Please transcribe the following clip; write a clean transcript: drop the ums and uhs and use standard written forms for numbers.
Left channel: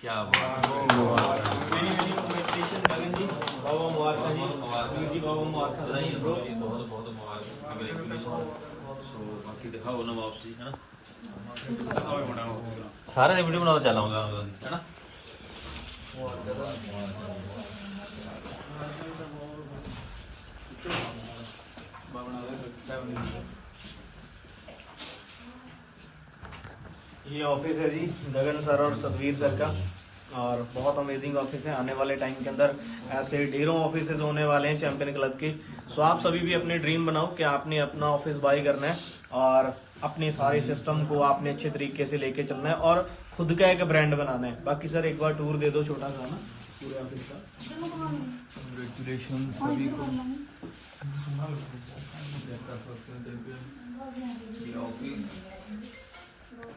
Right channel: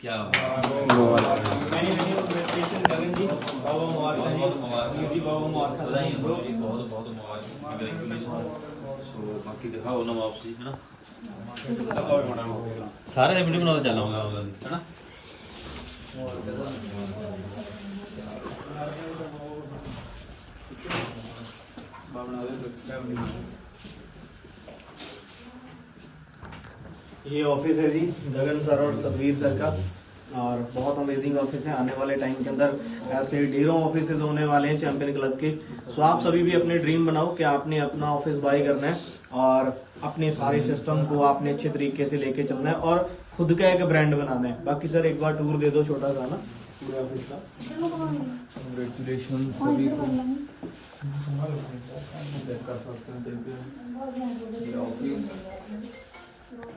क्या बाकी दिखाओ ना वापसी है ना सारे वीडियो बनाना चल है ना। ये ऑफिस है जी गगन सर और सतवीर सर का, और बहुत अमेजिंग ऑफिस है। आने वाले टाइम के अंदर ऐसे ढेरों ऑफिसेज होने वाले हैं चैंपियन क्लब के। सो आप सभी भी अपने ड्रीम बनाओ कि आपने अपना ऑफिस बाय करना है और अपने सारे सिस्टम को आपने अच्छे तरीके से लेके चलना है और खुद का एक ब्रांड बनाना है। बाकी सर एक बार टूर दे दो छोटा सा ना पूरे ऑफिस का। कंग्रेचुलेशन सभी को। ये ऑफिस